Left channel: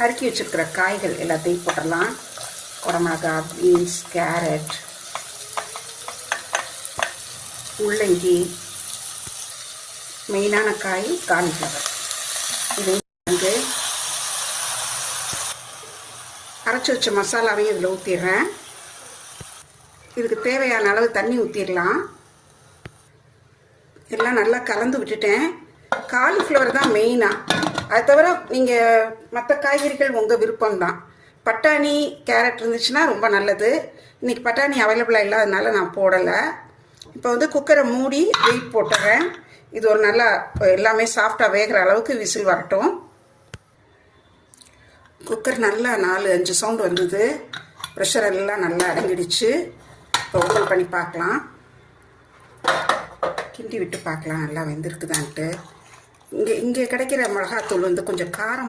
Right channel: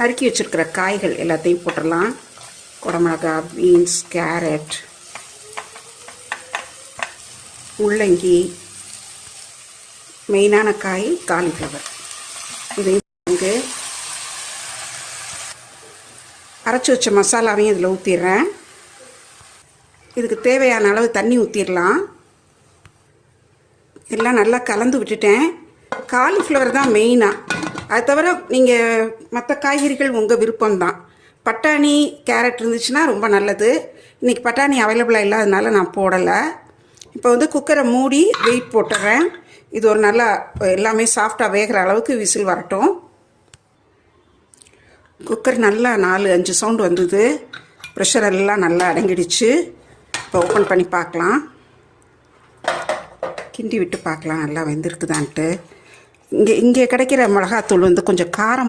நறுக்கி வச்சுருக்கிற காய்கள் எல்லாத்தையும் போட்டுடலாம். குடமிளகா, பீன்ஸ், கேரட், முள்ளங்கி, மெயினான காய் காலிஃப்ளவர். இதையும் வந்து அரைச்சி வச்ச மசாலாவையும் இதில் ஊற்றிடுறேன். இதுக்கு தேவையான அளவு தண்ணி ஊற்றிடலாம். எல்லாம் நல்லா கலந்து விட்டுட்டேன். காலிஃப்ளவர் தான் மெயினாக. அது தவிர நீங்கள் மற்ற காய்கறிகள் உங்கள் விருப்பம்தான். பட்டாணி, கேரட் இருந்துச்சுன்னா ரொம்ப நல்லது. இன்றைக்கி பட்டாணி அவைலபிளாக இல்லாததுனால நான் போடலை. இப்போ வந்து குக்கரை மூடி வெயிட் போட்டுறேன். இது ஒரு நல்லா எல்லாமே சாஃப்டாக வேகிற அளவுக்கு விசில் வரட்டும். குக்கர் நல்லா 4-5 சவுண்டு வந்தது. ப்ரெஷர் எல்லாம் நல்லா அடங்கிடுச்சு. இப்போ ஓப்பன் பண்ணி பார்க்கலாம். கிண்டி விட்டு பார்க்கலாம் நல்லா வெந்திருக்குதான்ட்டு. இங்கே கிடைக்கிற மிளகாத்தூள் வந்து கொஞ்சம் காரம்